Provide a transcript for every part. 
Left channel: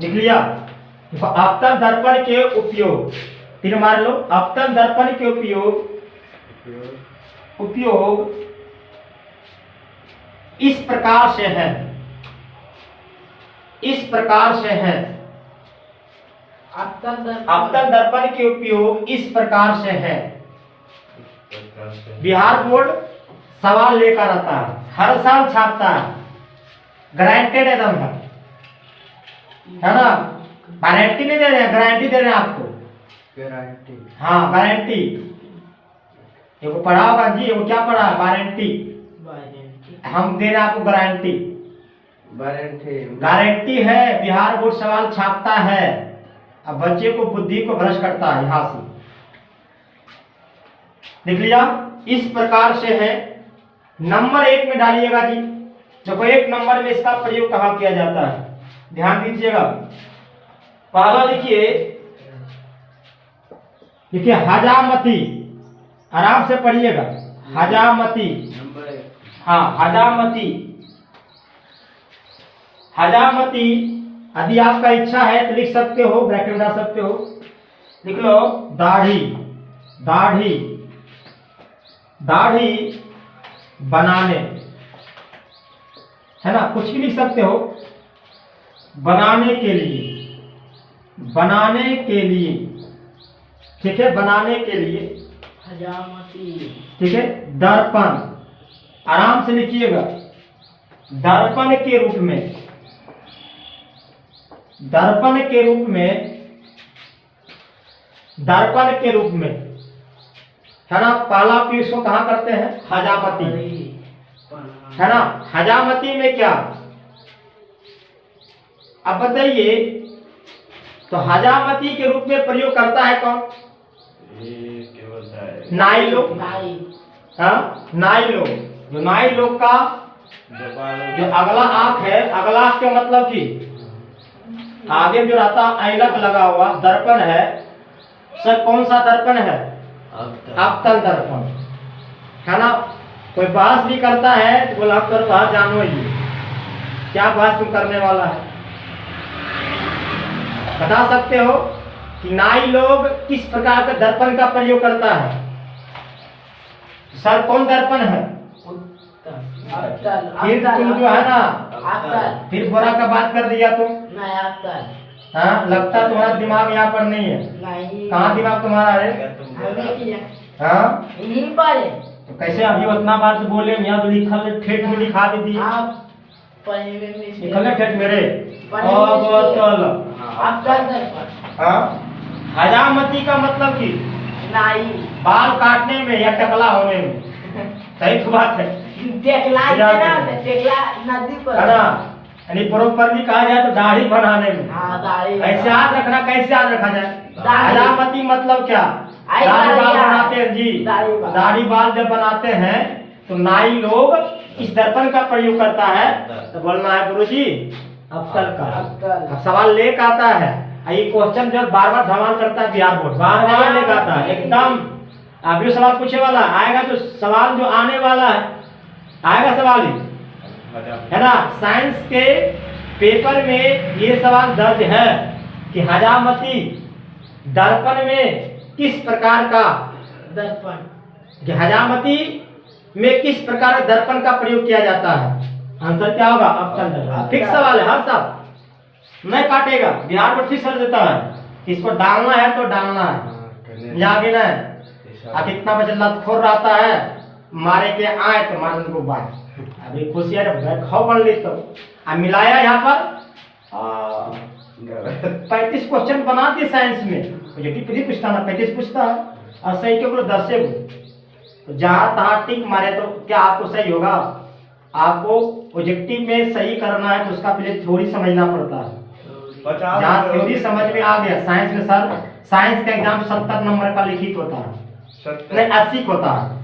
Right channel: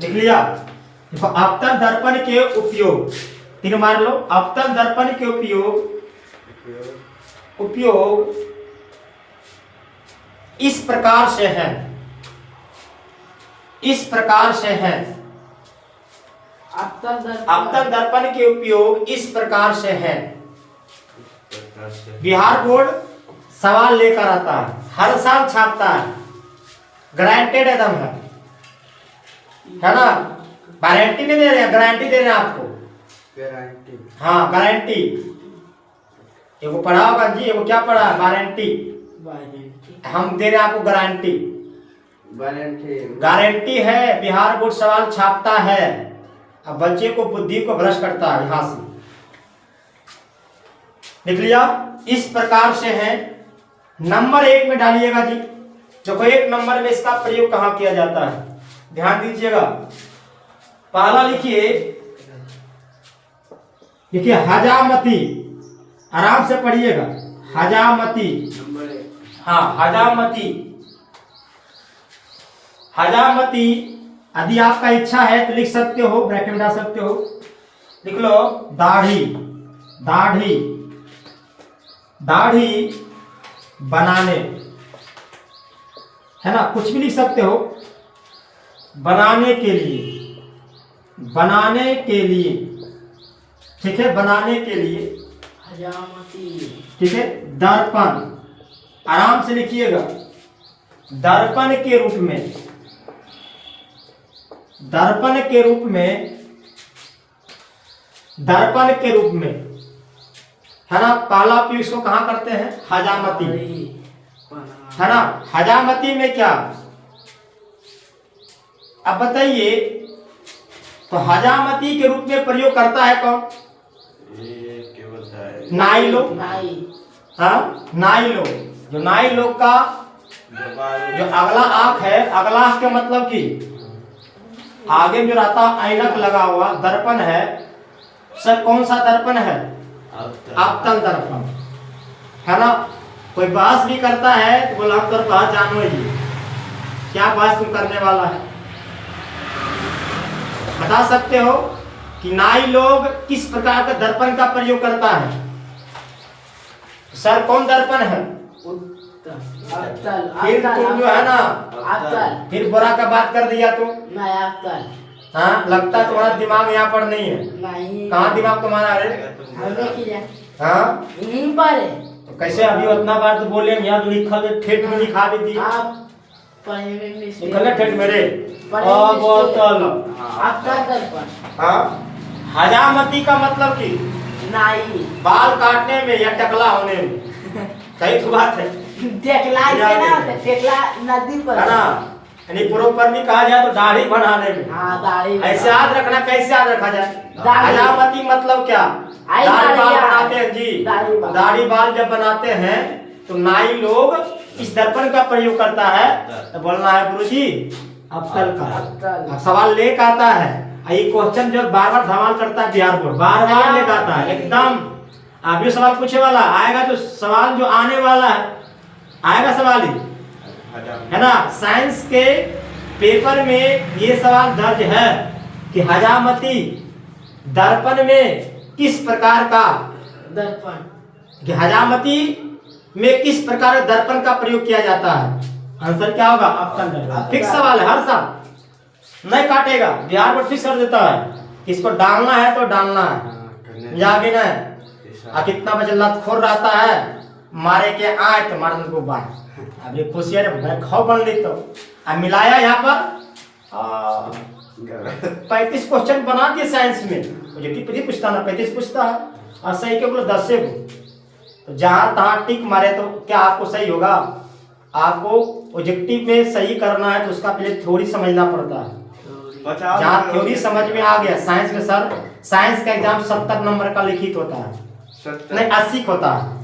लिख लिया। देखो अपतन दर्पण के उपयोग, तीर मार लो। अपतन दर्पण के उपयोग इस प्रकार से है, इस प्रकार से है। अपतन दर्पण के उपयोग इस प्रकार से है। बिहार बोर्ड सवाल लेकर आता है, हर साल छापता है, गारंटेड एकदम है ना। गारंटी नहीं दे रहे हैं, गारंटी दे रहे हैं आपको, गारंटी। हाँ गारंटी, एगो पढ़ा होगा जी, एगो क्या पढ़ा, गारंटी। हम दे रहे हैं आपको गारंटी, गारंटी है। बिहार बोर्ड सवाल छापता है, अब बच्चे को बुद्धि को भ्रष्ट करता है। यहां से लिख लिया, इस प्रकार से है। नंबर 1 में डालिएगा जी। देखो 1 नंबर में इसका प्रयोग कहां किया जाता है, ध्यान दीजिएगा। पहला लिखिए, देखिए हजामती, आराम से पढ़िएगा। हजामती, हाँ हजामती, हजामती। यदि आपका इच्छा है तो लिख सकते हो, ब्रैकेट में डाल सकते हो। लिख लो दाढ़ी, दाढ़ी, दाढ़ी बनाने, है ना, कुछ भी लिख सकते हो। बनाने के लिए, बनाने के लिए, ठीक है, बनाने के लिए, ठीक है। दर्पण, आराम से लिखिएगा। दर्पण के रूप में, दर्पण के रूप में, दर्पण के रूप में, है ना। पहला पी इसको कहां करते हैं, हजामती, है ना। हजामती में क्या, अब बताइए, तो हजामती के रूप में प्रयोग करता है कौन, नाई लोग। हाँ नाई लोग, जो नाई लोग का जो अगला आंख है, अगला आंख का मतलब कि आगे जो रहता ऐनक लगा हुआ दर्पण है सर, कौन सा दर्पण है, अपतन दर्पण, है ना। कोई बहस भी करता है तो बोला आप बहस जानो ही, क्या बहस तुम करने वाला है, बता सकते हो कि नाई लोग किस प्रकार का दर्पण का प्रयोग करता है। सर कौन दर्पण है, फिर तुम जो है ना, फिर बुरा का बात कर दिया तुम। हाँ लगता तुम्हारा दिमाग यहाँ पर नहीं है, कहाँ दिमाग तुम्हारा है, हाँ तो कैसे अभी उतना बार तो बोले, यहाँ तो लिखल ठेठ में लिखा दी, लिखल ठेठ मेरे। हाँ हजामती का मतलब कि नाई, बाल काटने में या टकला होने में, सही तो बात है। टेकला नदी पर, है ना, यानी प्रॉपरली कहा जाए तो दाढ़ी बनाने में। हाँ दाढ़ी, ऐसे याद रखना, कैसे याद रखा जाए, हजामती मतलब क्या, दाढ़ी बाल बनाते हैं जी। दाढ़ी बाल जब बनाते हैं तो नाई लोग इस दर्पण का प्रयोग करता है, तो बोलना है गुरुजी अब्तल का। अब सवाल लेकर आता है, ये क्वेश्चन जो बार बार धमाल करता है बिहार बोर्ड, बार बार लेकर आता है एकदम। अभी सवाल पूछे वाला आएगा, तो सवाल जो आने वाला है आएगा सवाल ही, है ना। साइंस के पेपर में ये सवाल दर्ज है कि हजामती दर्पण में किस प्रकार का दर्पण, कि हजामती में किस प्रकार दर्पण का प्रयोग किया जाता है। आंसर क्या होगा, अपतन दर्पण। फिक्स सवाल है, हर साल नहीं काटेगा, बिहार बोर्ड फिक्स कर देता है, इसको डालना है तो डालना है, जागे ना। अब कितना बच्चा लतखोर रहता है, मारे के आए तो मार को बाहर, अभी खुशी है खाओ बन ली। तो अब मिलाया यहाँ पर 35 क्वेश्चन बना दिए साइंस में, जो पूछता ना 35 पूछता है, और सही के बोले 10 से। तो जहाँ तहाँ टिक मारे तो क्या आपको सही होगा, आपको ऑब्जेक्टिव में सही करना है तो उसका पहले थ्योरी समझना पड़ता है। जहाँ थ्योरी समझ में आ गया, साइंस में सर साइंस का एग्जाम 70 नंबर का लिखित होता है, नहीं 80 का होता है,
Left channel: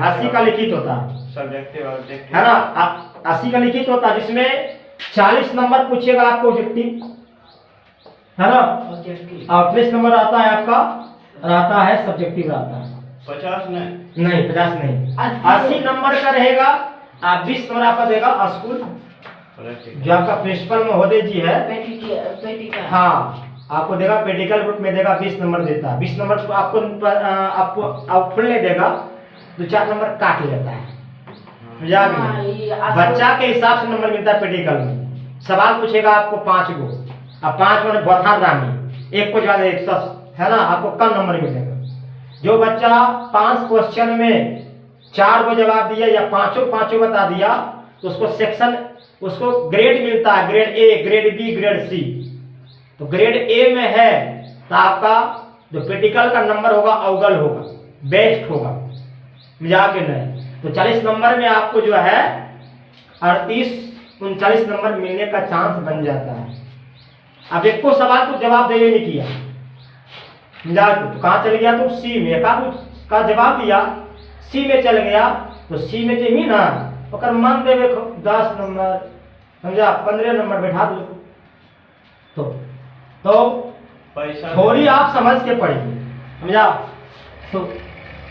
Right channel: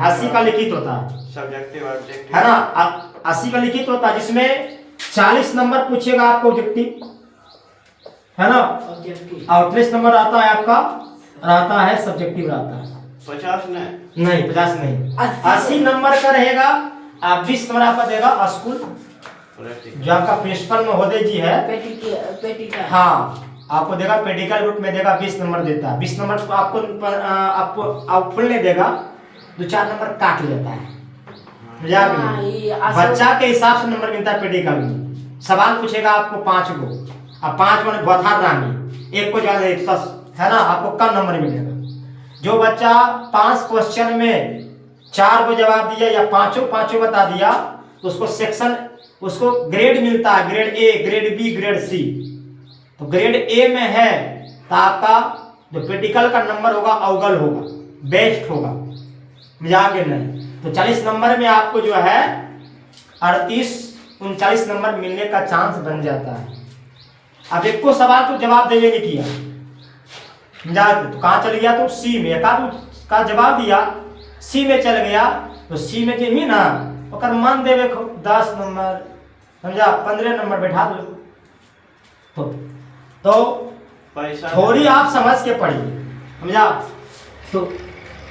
80 का लिखित होता है ना, 80 का लिखित होता है, जिसमें 40 नंबर पूछेगा आपको ऑब्जेक्टिव, है ना, और 30 नंबर आता है आपका, रहता है सब्जेक्टिव रहता है। 50 नहीं 50 नहीं, 80 नंबर का रहेगा। आप 20 नंबर आपका देगा स्कूल, जो आपका प्रिंसिपल महोदय जी है, पेटी का। हाँ, आपको देगा पेडिकल रूप में देगा 20 नंबर देता है। 20 नंबर तो आपको फुल नहीं देगा, 2-4 नंबर काट लेता है। बच्चा के हिसाब से नंबर मिलता है पेडिकल में। सवाल पूछेगा आपको 5 गो, अब 5 में बौथार रामी, एक को ज्यादा 110 है ना, आपको कम नंबर मिलेगा। जो बच्चा 5 क्वेश्चन में 4 को जवाब दिया या पांचों बता दिया, तो उसको सेक्शन, उसको ग्रेड मिलता है, grade A, grade B, grade C. तो ग्रेड ए में है तो आपका जो पेडिकल का नंबर होगा अवगल होगा, बेस्ट होगा, मजाक नहीं। तो 40 नंबर में आपको जो है 38-39 नंबर मिलने का चांस बन जाता है। अब एक को सवाल तो जवाब देवे नहीं किया, तो कहाँ चल गया, तो सी में का जवाब दिया, सी में चल गया, तो सी में जेमी ना ओकर मन देवे 10 नंबर, समझा, 15 नंबर बैठा दो। तो थोड़ी आप समझ के पढ़िए, समझा। तो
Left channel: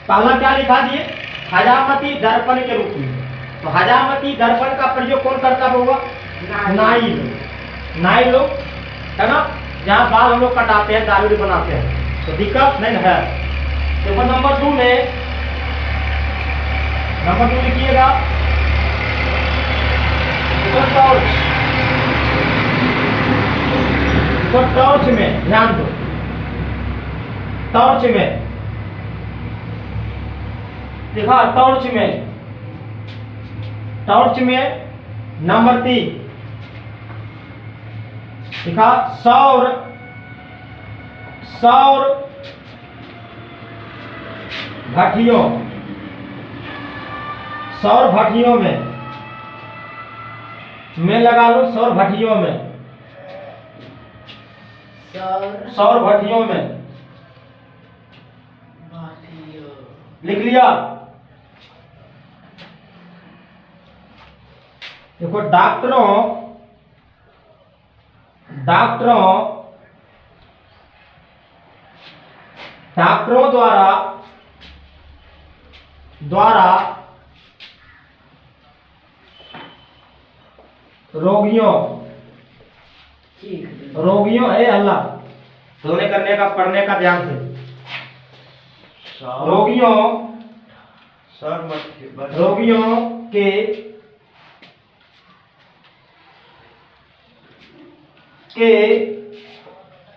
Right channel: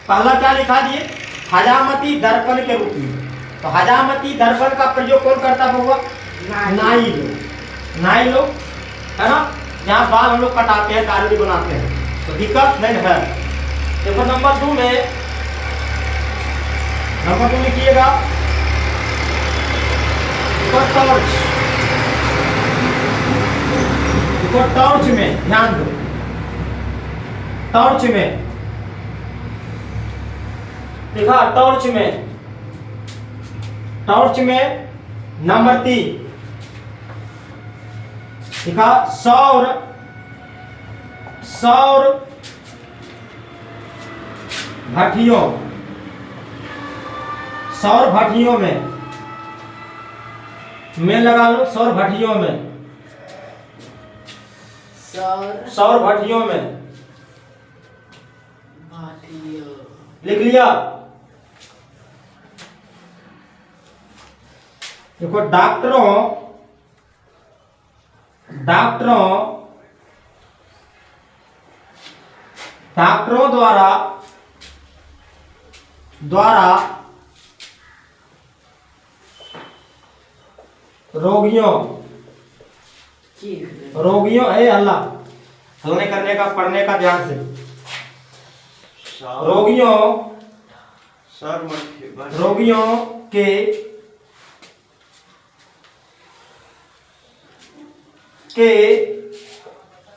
पहला क्या लिखा दिए, हजामती दर्पण के रूप में। तो हजामती दर्पण का प्रयोग कौन करता होगा, नाई लोग है ना, जहाँ बाल हम लोग कटाते हैं, दाढ़ी बनाते हैं, तो दिक्कत नहीं है। पेपर नंबर 2 में, नंबर 2 लिखिएगा, टॉर्च में ध्यान दो, टॉर्च में देखा, टॉर्च में नंबर 3 देखा, सौर भट्टियों में लगा लो, सौर भट्टियों में लिख लिया। देखो, डॉक्टरों द्वारा रोगियों अल्लाह हल्ले करने का, पढ़ने का ध्यान से, रोगियों के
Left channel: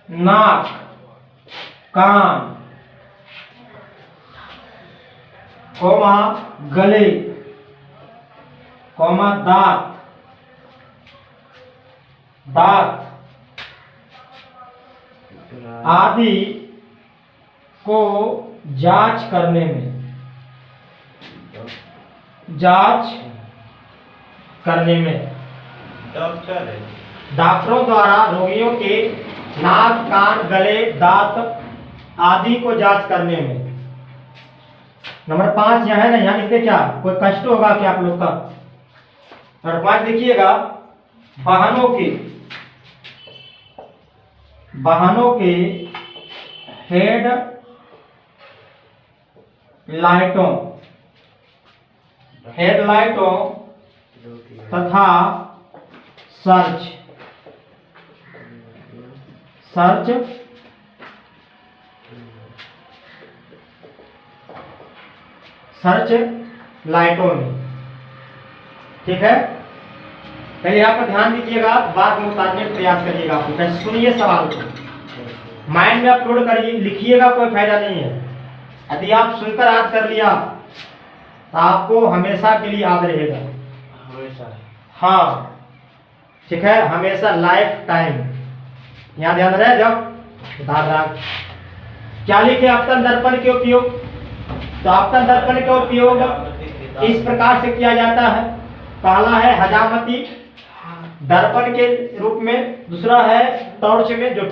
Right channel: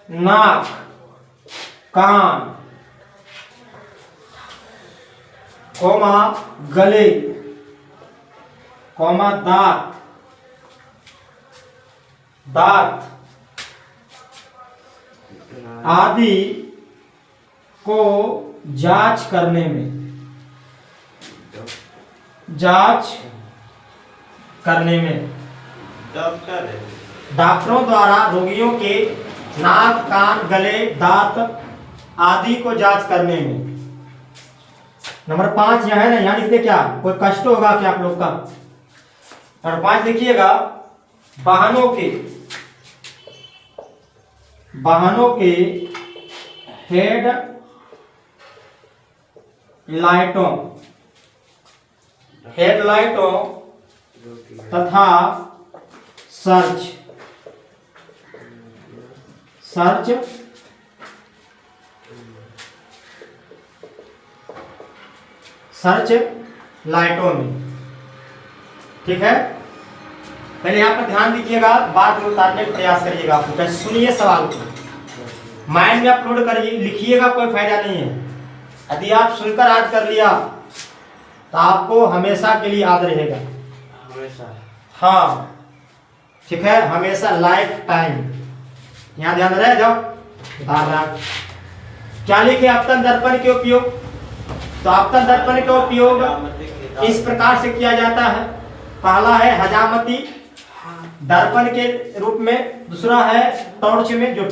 नाक, कान, कोमा गले, कोमा दांत आदि को जांच करने में डॉक्टरों द्वारा रोगियों के नाक, कान, गले, दांत आदि को जांच करने में। नंबर 5 यहाँ है ना, यहाँ लिखते क्या, कोई कष्ट होगा क्या आप लोग का। नंबर 5 लिखिएगा, वाहनों के हेडलाइटों तथा सर्च लाइटों में, ठीक है। पहले यहाँ पर ध्यान दीजिएगा, बाद में उतारने का प्रयास करिएगा। आप लोग सुनिए सवाल को, माइंड में अपलोड करिए, लिखिएगा, कोई फायदा नहीं है। यदि आप सुनकर याद कर लिया तो आपको हमेशा के लिए याद रहेगा, हाँ, ठीक है, हमेशा, लाइफ टाइम। यहाँ ध्यान रहे, जाओ उतार रहा। क्या लिखे, आपतन दर्पण के उपयोग। तो आपतन दर्पण का उपयोग इस प्रकार से किया जाता है। पहला है हजामती दर्पण के रूप में, दूसरा है टॉर्च में, जो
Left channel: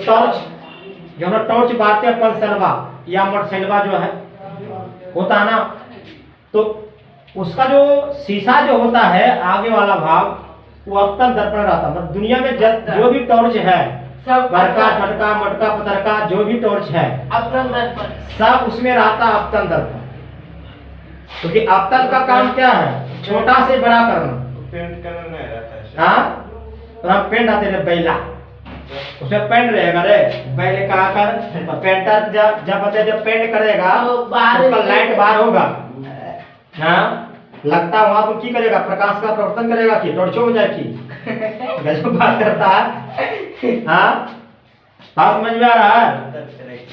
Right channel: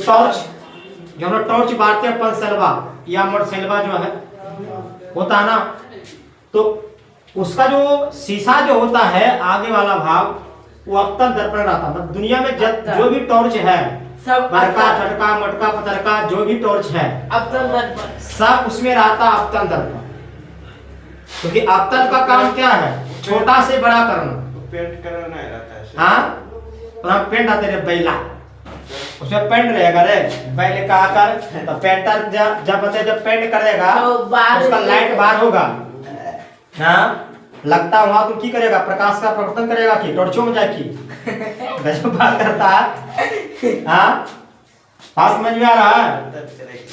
हम टॉर्च बांटते हैं, पंसलवा या मोटरसाइकिलवा जो है होता है ना, तो उसका जो शीशा जो होता है आगे वाला भाग, वो आपतन दर्पण रहता है। मतलब दुनिया में जो भी टॉर्च है, बड़का, छोटका, मटका, पतरका, जो भी टॉर्च है, आपतन दर्पण, सब उसमें रहता है आपतन दर्पण। क्योंकि आपतन का काम क्या है, छोटा से बड़ा करना, पेंट करना रहता है। हाँ, तो हम पेंट आते रे बैला, उसमें पेंट रहेगा रे, बैले कहा कर तो पेंटर जब पेंट करेगा तो बाहर उसका लाइट बाहर होगा, हाँ लगता वहां तो की करेगा, प्रकाश का प्रवर्तन करेगा कि टॉर्चों में जाएगी गजब बात करता है। हाँ बात समझ में आ रहा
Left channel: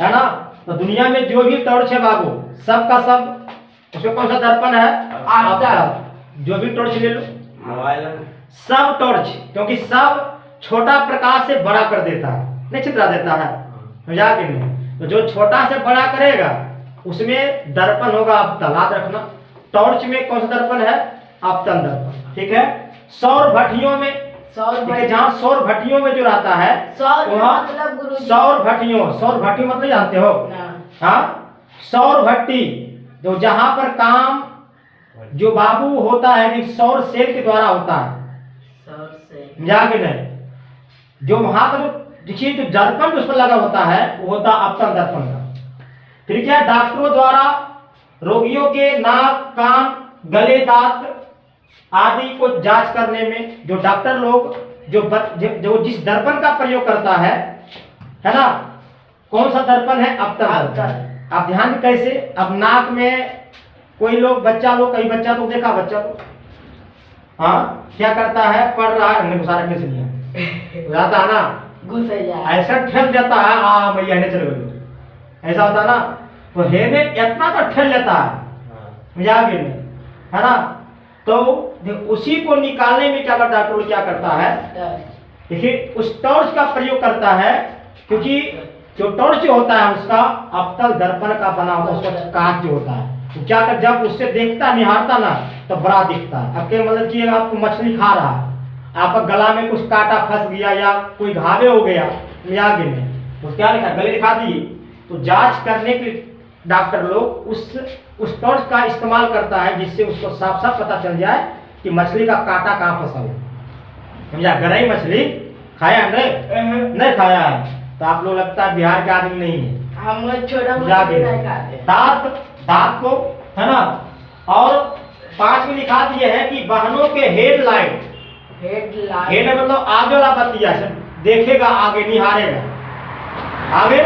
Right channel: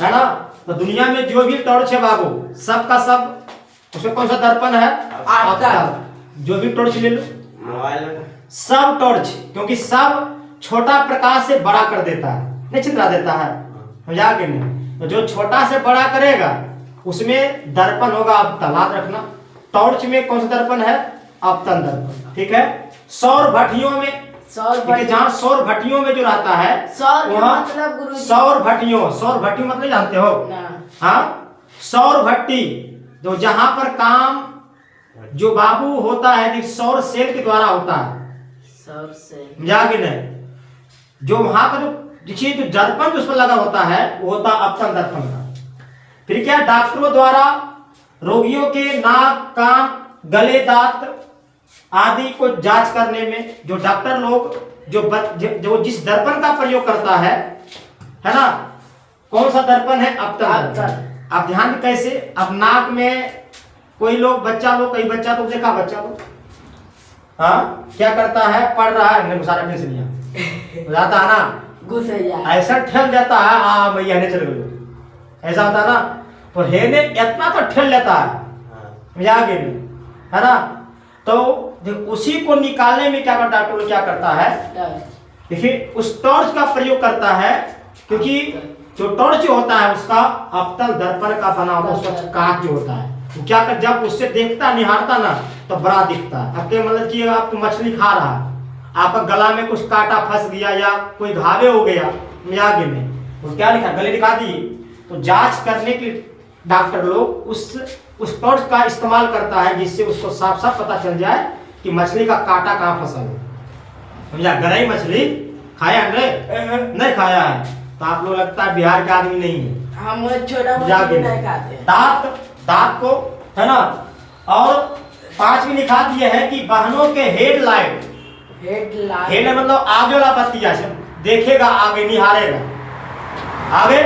है ना। तो दुनिया में जो भी टॉर्च है बाबू सबका सब उसमें कौन सा दर्पण है, अवतल। जो भी टॉर्च ले लो सब टॉर्च, क्योंकि सब छोटा प्रकाश से बड़ा कर देता है, नहीं छितरा देता है, समझा कि नहीं। तो जो छोटा से बड़ा करेगा उसमें दर्पण होगा अवतल, याद रखना। टॉर्च में कौन सा दर्पण है, अवतल दर्पण, ठीक है। सौर भट्टियों में, जहाँ सौर भट्टियों में जो रहता है वहाँ सौर भट्टियों मतलब जानते हो, हाँ सौर भट्टी जो जहां पर काम जो बाबू होता है कि सौर सेल के द्वारा होता है, समझा कि नहीं। जो वहां का जो देखिए जो दर्पण जो उस पर लगा होता है वो होता अवतल दर्पण का। फिर क्या, डॉक्टरों द्वारा रोगियों के नाक कान गले दांत आदि को जांच करने में जो डॉक्टर लोग जो जिस दर्पण का प्रयोग करता है ना, कौन सा दर्पण है, अवतल दर्पण। आप ध्यान में कैसे, अब नाक में कोई लोग बच्चा लोग, कई बच्चा तो देखा बच्चा लोग, हाँ क्या करता है, पढ़ रहा है घुसा रखने से नहीं जाता है ना, ऐसा ठेल देता है, आ मैं हेने चल गई, ऐसा होता है ना। तो हेने इतना तो ठेल लेता है मजाक में, है ना। तो उसी को निकालने में क्या करता है, क्या करता है, देखिए उस टॉर्च का प्रयोग करता है, क्योंकि जो टॉर्च होता है उसका अवतल दर्पण का बना होता है, उसका कांच जो होता है तो क्या कर, जब उससे देखता निहारता ना तो बड़ा दिखता है। अब क्या मतलब कि आप मछली खा रहा है, आपका गला में कुछ कांटा फंस गया या कोई घावे हो गया आगे में, तो क्या लिखा, गले दिखा दिए। तो जांच करने के लिए डॉक्टर लोग उस टॉर्च का इस्तेमाल करता है, जिससे उसको साफ साफ पता चल जाए कि मछली का कांटा कहाँ फंसा है, समझा। गरई मछली खाया नहीं खाया है तो आप लोग लगता है बिहार के आदमी नहीं है, हम छोटा मछली नहीं खाते। दांत को, है ना। और 5 लिखा दिए है कि वाहनों के हेडलाइट मतलब आगे वाला बत्ती जैसे देखेगा, आगे निहारेगा आगे।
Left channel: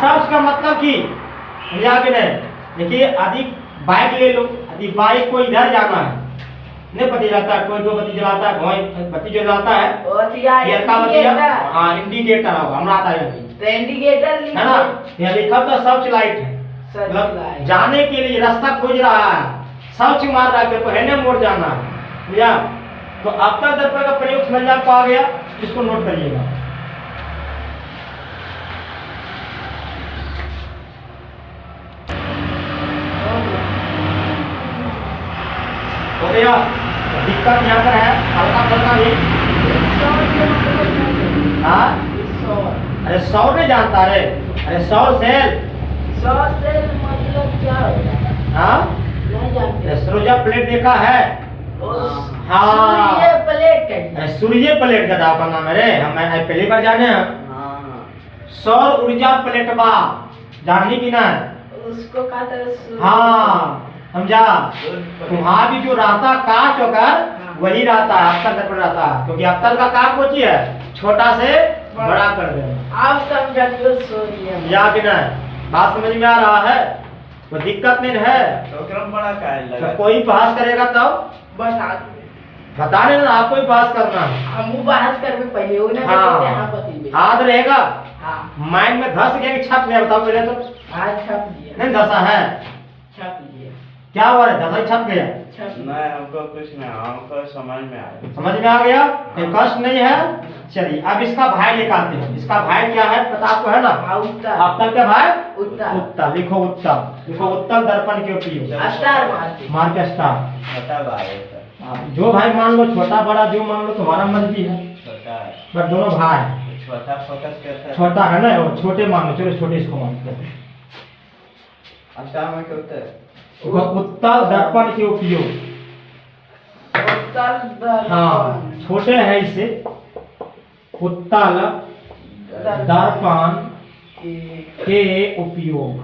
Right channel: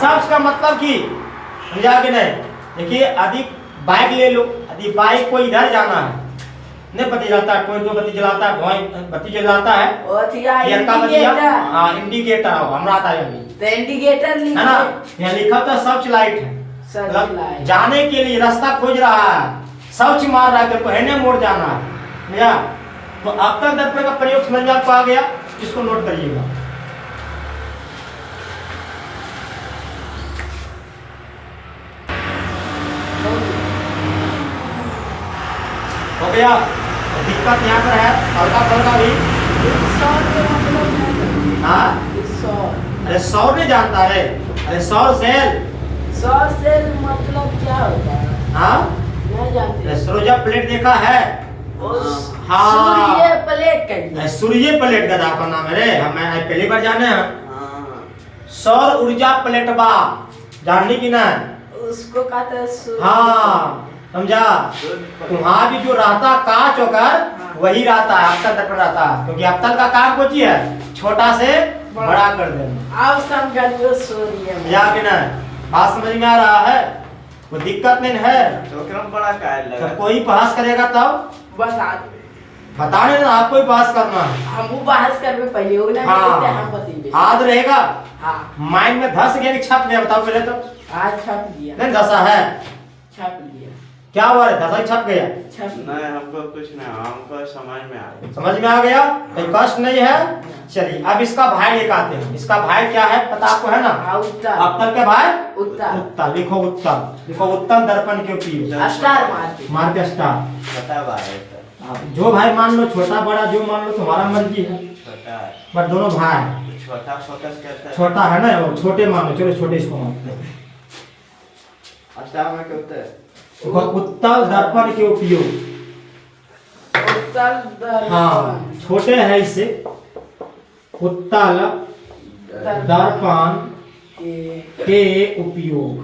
सब का मतलब कि आगे नहीं, देखिए अधिक बाइक ले लो, यदि बाइक को इधर जाना है, नहीं बत्ती जलाता है, कोई 2 बत्ती जलाता है, बत्ती जलाता है, हाँ इंडिकेटर हमारा आता है अभी, इंडिकेटर है ना, यहाँ लिखा था सर्च लाइट है, मतलब जाने के लिए रास्ता खोज रहा है, सर्च मार रहा है, पहले मोड़ जाना है या। तो अवतल दर्पण का प्रयोग समझ में आपको आ गया, इसको नोट करिएगा। हो गया। दिक्कत यहाँ पर है हल्का फल्का भी, हाँ अरे सौर नहीं जानता रे, अरे सौर सेल मतलब क्या होता है, हाँ नहीं जानते। सूर्य प्लेट देखा है, हाँ सूर्य प्लेट, सूर्य प्लेट का दाव का नाम है रे, हम पहली बार जाने हैं। सौर ऊर्जा प्लेटबा जाननी की ना, उसको कहते हैं हाँ समझा। वहां भी जो रहता कांच होकर वही रहता है, अवतल दर्पण रहता है, क्योंकि अवतल का काम कोची है, छोटा से बड़ा कर देना। आप समझो सूर्य या कि नहीं, बात समझ में आ रहा है, कोई दिक्कत नहीं है। तो कोई बहस करेगा तब बताने ना, आपको ही बहस करना है, हम बहस कर में पहले हो ना, हाँ याद रहेगा, माइंड में धस गया कि छप गया, बताओ पहले तो, आज छप लिया, नहीं धसा है, छप लिया, क्या हुआ रे, धसा छप गया, नहीं हमको कुछ नहीं, हमको समझ में आ गया, समझ में आ गया, कोई कष्ट नहीं है। चलिए अब इसका भाई लेकर आते हैं, इसका भाई क्या है पता आपको है ना, अवतल का भाई उत्तल, लिखो उत्तल दर्पण के उपयोग, स्टार मार के स्टार, छोटा भाई जो भाई मान लो, छोटा बड़ा जो मान लो, तुम्हारा मर्जी है, छोटा पर दोनों भाई है, छोटा फोकस करता है, छोटा है ना, और छोटे मान लो, चलो छोटे इसको मानते हैं। अच्छा में क्या होता है, देखो उत्तल दर्पण के उपयोग, हाँ छोटे है इससे, उत्तल दर्पण के उपयोग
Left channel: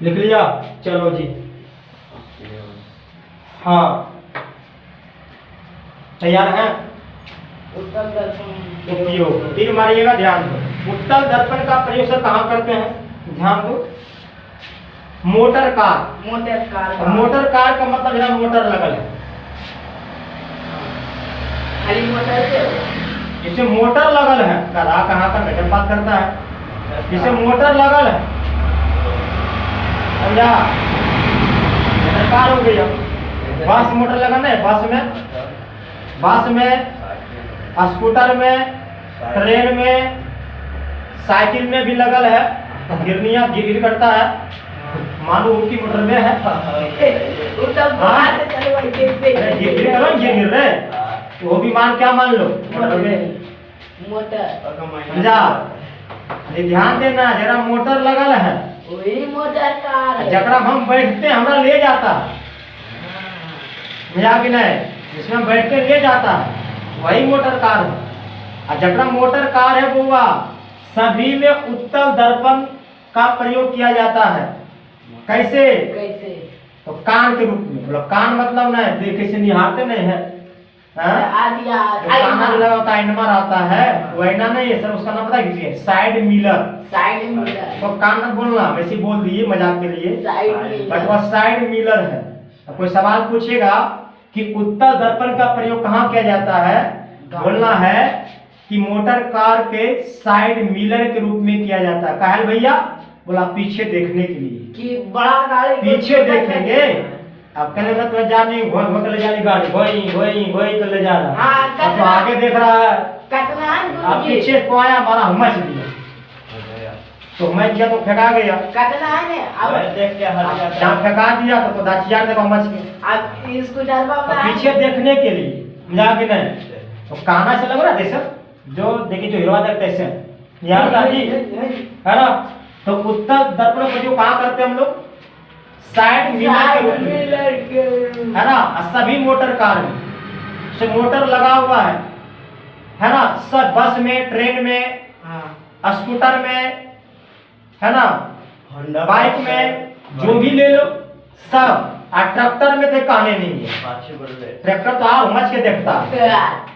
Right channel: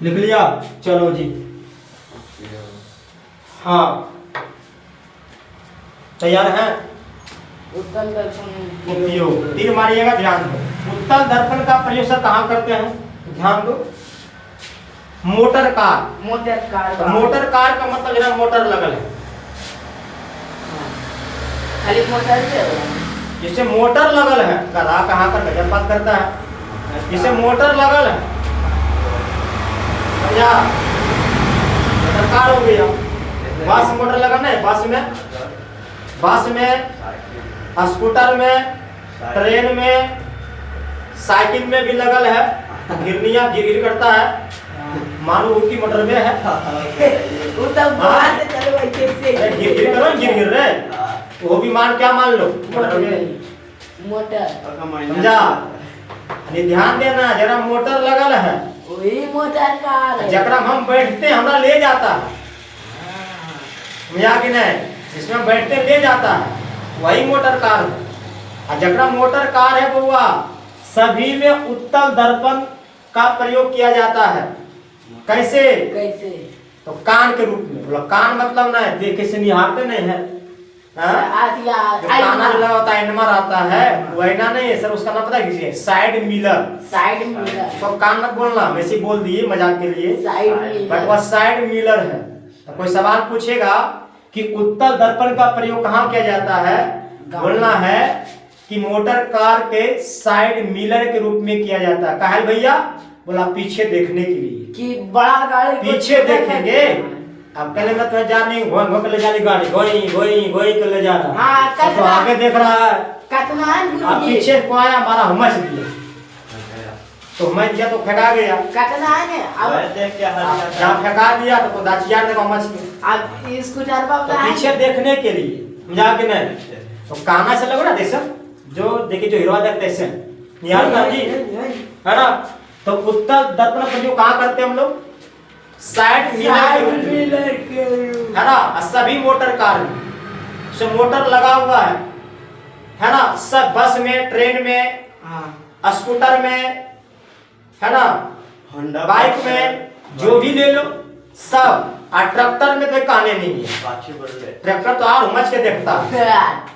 लिख लिया, चलो जी। हाँ तैयार है, उत्तम दर्पण उपयोग। तीर मारिएगा, ध्यान दो। उत्तल दर्पण का प्रयोग सर कहाँ करते हैं, ध्यान दो। Motor car. मोटर कार तो मोटर कार का मतलब यहाँ मोटर लगल है, खाली मोटर से हो। जिसे मोटर लगल है, गधा कहाँ कर गजब बात करता है, जिसे मोटर लगल है, समझा, मोटर कार हो गया। बस मोटर लगल है, बस में, स्कूटर में, ट्रेन में, साइकिल में भी लगल है। गिरनिया गिर करता है, मानो की मोटर में है। वो तब बाहर से चलो ऐसे अरे गिर करो, गिर रे, वो भी मान, क्या मान लो, मोटर में, मोटर समझा। अरे ध्यान देना, जरा मोटर लगल है, वही मोटर कार है। जकरा में हम बैठते हमरा ले जाता है, समझा कि नहीं, जिसमें हम बैठते ले जाता है, वही मोटर कार है। और जकरा मोटर कार है बउआ, सभी में उत्तल दर्पण का प्रयोग किया जाता है। कैसे, कैसे तो कान के रूप में, मतलब कान मतलब ना है देखे से निहारते नहीं है, हाँ? आदिया जो काना जो लगा होता है, इनमर आता है, वो ऐना नहीं है सर, उसका नाम पता है किसी है, साइड मिलर। साइड मिरर, तो कान मत बोलना, वैसे बोल दिए मजाक के लिए, साइड बट मिरर वह साइड मिलर है। तो कोई सवाल पूछेगा कि उत्तल दर्पण का प्रयोग कहाँ किया जाता है, बोलना है कि मोटर कार के साइड मिलर के रूप में किया जाता है। काहे भैया, बोला पीछे देखने के लिए, कि बड़ा गाड़ी पीछे देखेंगे। अब कल तो जाने घोई घोई कर ले जाने गाड़ी, घोई कर ले जा रहा हाँ, है, अब तो आगे देख रहा है, कतनान अब गुरुजी पीछे को आया, हमारा मच दिया, तो मच गया तो फेंका गया, कतनान है अब देख के हर जहाँ फेंका दिया तो दाचियार देखो मच गया। अब स्कूटर तो बाबा पीछे देखने के लिए जाके नहीं, तो काना से लग रहा है सर, जो देखिए जो हीरो देखते हैं सर, यार दादी है ना। तो उत्तल दर्पण का जो कहाँ करते हैं हम लोग, साइड मिलर के रूप में, है ना। और सभी मोटर कार में से मोटर लगा हुआ है ना, सब बस में, ट्रेन में, स्कूटर में, है ना, होंडा बाइक में, जो भी ले लो सब। और ट्रैक्टर में तो कहने नहीं है, पाछे बढ़ रहे ट्रैक्टर तो और मच के देखता है,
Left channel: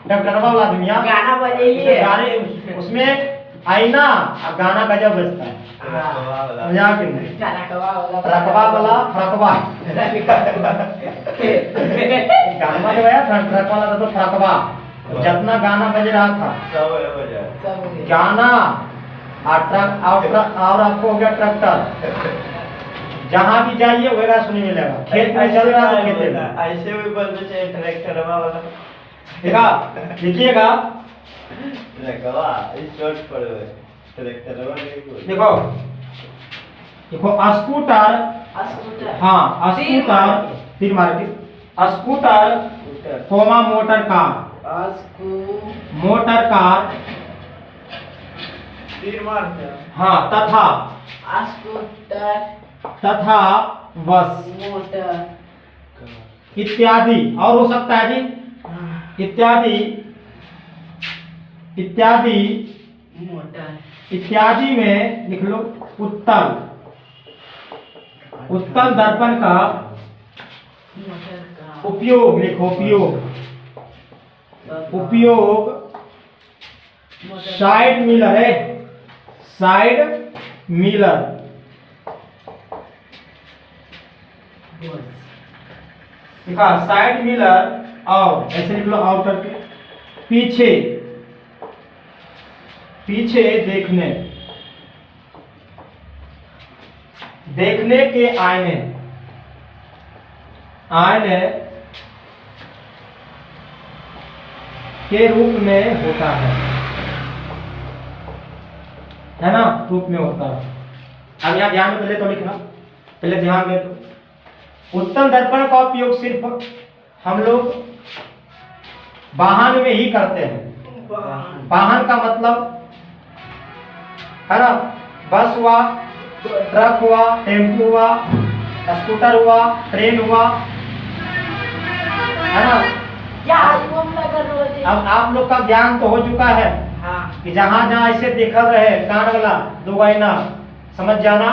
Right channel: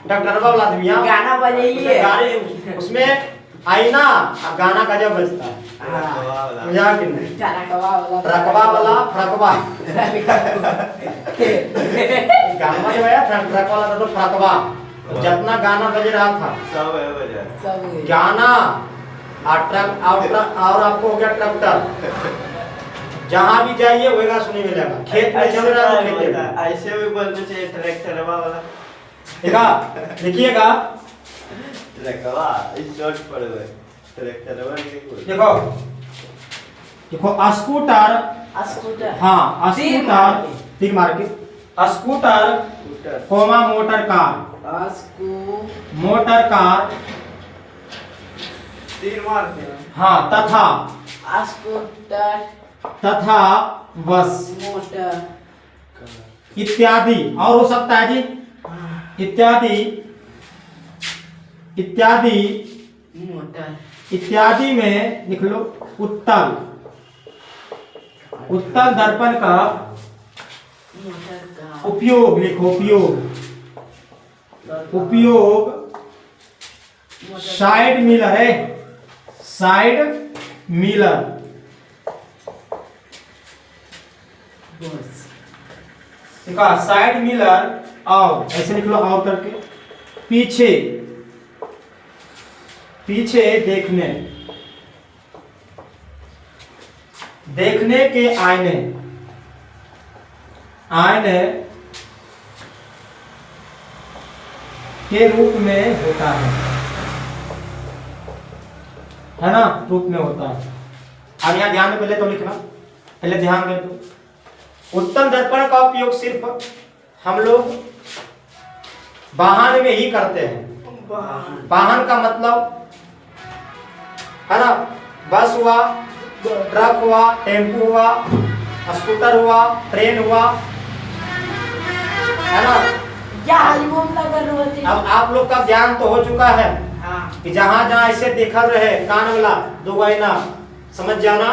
ट्रैक्टर वाला आदमी गाना बजाइए गाड़ी उसमें आईना और गाना गजब बजता है, समझा कि नहीं। गाना कवा वाला ट्रकवा वाला फ्रकवा, गाना जो है ट्रक वाला था तो फ्रकवा, जितना गाना बज रहा था सब है बजा सब गाना, और आपको हो गया ट्रैक्टर, जहाँ भी जाइए वही सुनने मिलेगा। खेत में चल रहा है तो खेत में, ऐसे भी बोलते चाहिए ट्रैक्टर वाला देखा लिखिएगा, ट्रकवा इस शॉर्ट पड़ गए ट्रैक्टर वाला नहीं बोल देखो देखो स्कूटर, स्कूटर हाँ स्कूटर, तीर मार के, scooter scooter comma motor car, motor car, तीर मार के हाँ तथा, स्कूटर तथा बस मोटर इत्यादि, और हो सकता है जी इत्यादि, इत्यादि, मोटर इत्यादि में लिख लो उत्तल, उत्तल दर्पण का मोटर का उपयोग लिखो, उपयोग साइड मिलर है, साइड मिलर, देखा साइड मिलर, और ऐसे लिख लो और करके, पीछे, पीछे देखने, देखने के आईने, आईने के रूप में होता है ना, रूप में होता है। अब यहाँ ध्यान में पहले तो लिखना, पहले ध्यान में तो उत्तल दर्पण का उपयोग सिर्फ हम लोग वाहन में ही करते हैं। वाहन का मतलब है ना, बस हुआ, ट्रक हुआ, टेम्पू हुआ, स्कूटर हुआ, ट्रेन हुआ, है ना। क्या एल्बम लगा रहे थे। अब आप लोग का ज्ञान तो हो चुका है हाँ कि जहाँ जहाँ ऐसे देखा रहे कान वाला दो आईना, समझ जाना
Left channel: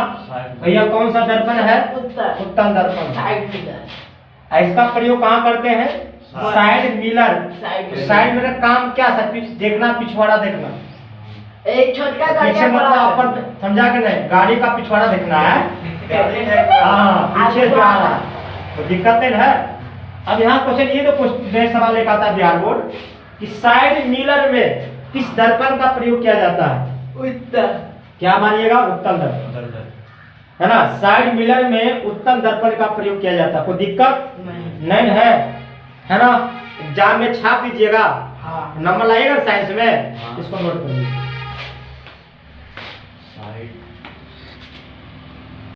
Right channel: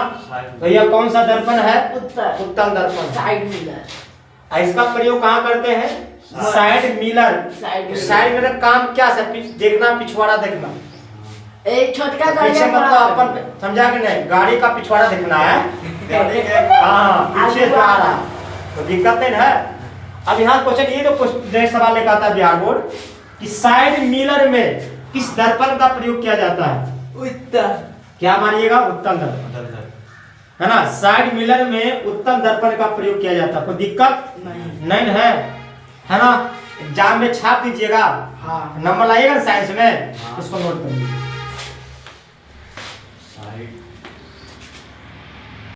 भैया कौन सा दर्पण है, उत्तर उत्तल दर्पण। साइड मिलर इसका प्रयोग कहाँ करते हैं, side mirror. Side side mirror काम क्या है? देखना, पिछवाड़ा देखना। एक छोटका गाड़ी पीछे मतलब अपन समझा के नहीं, गाड़ी का पिछवाड़ा देखना है। हाँ, पीछे से आ रहा है तो दिक्कत नहीं है। अब यहाँ क्वेश्चन ये तो नेक्स्ट सवाल एक आता है बिहार बोर्ड कि साइड मिरर में किस दर्पण का प्रयोग किया जाता है? उत्तर। क्या मानिएगा? उत्तल दर्पण, है ना। साइड मिरर में उत्तल दर्पण का प्रयोग किया जाता है। कोई दिक्कत नहीं है ना। एग्जाम में छाप दीजिएगा, हाँ। नंबर लाइएगा साइंस में, इसको नोट करिए।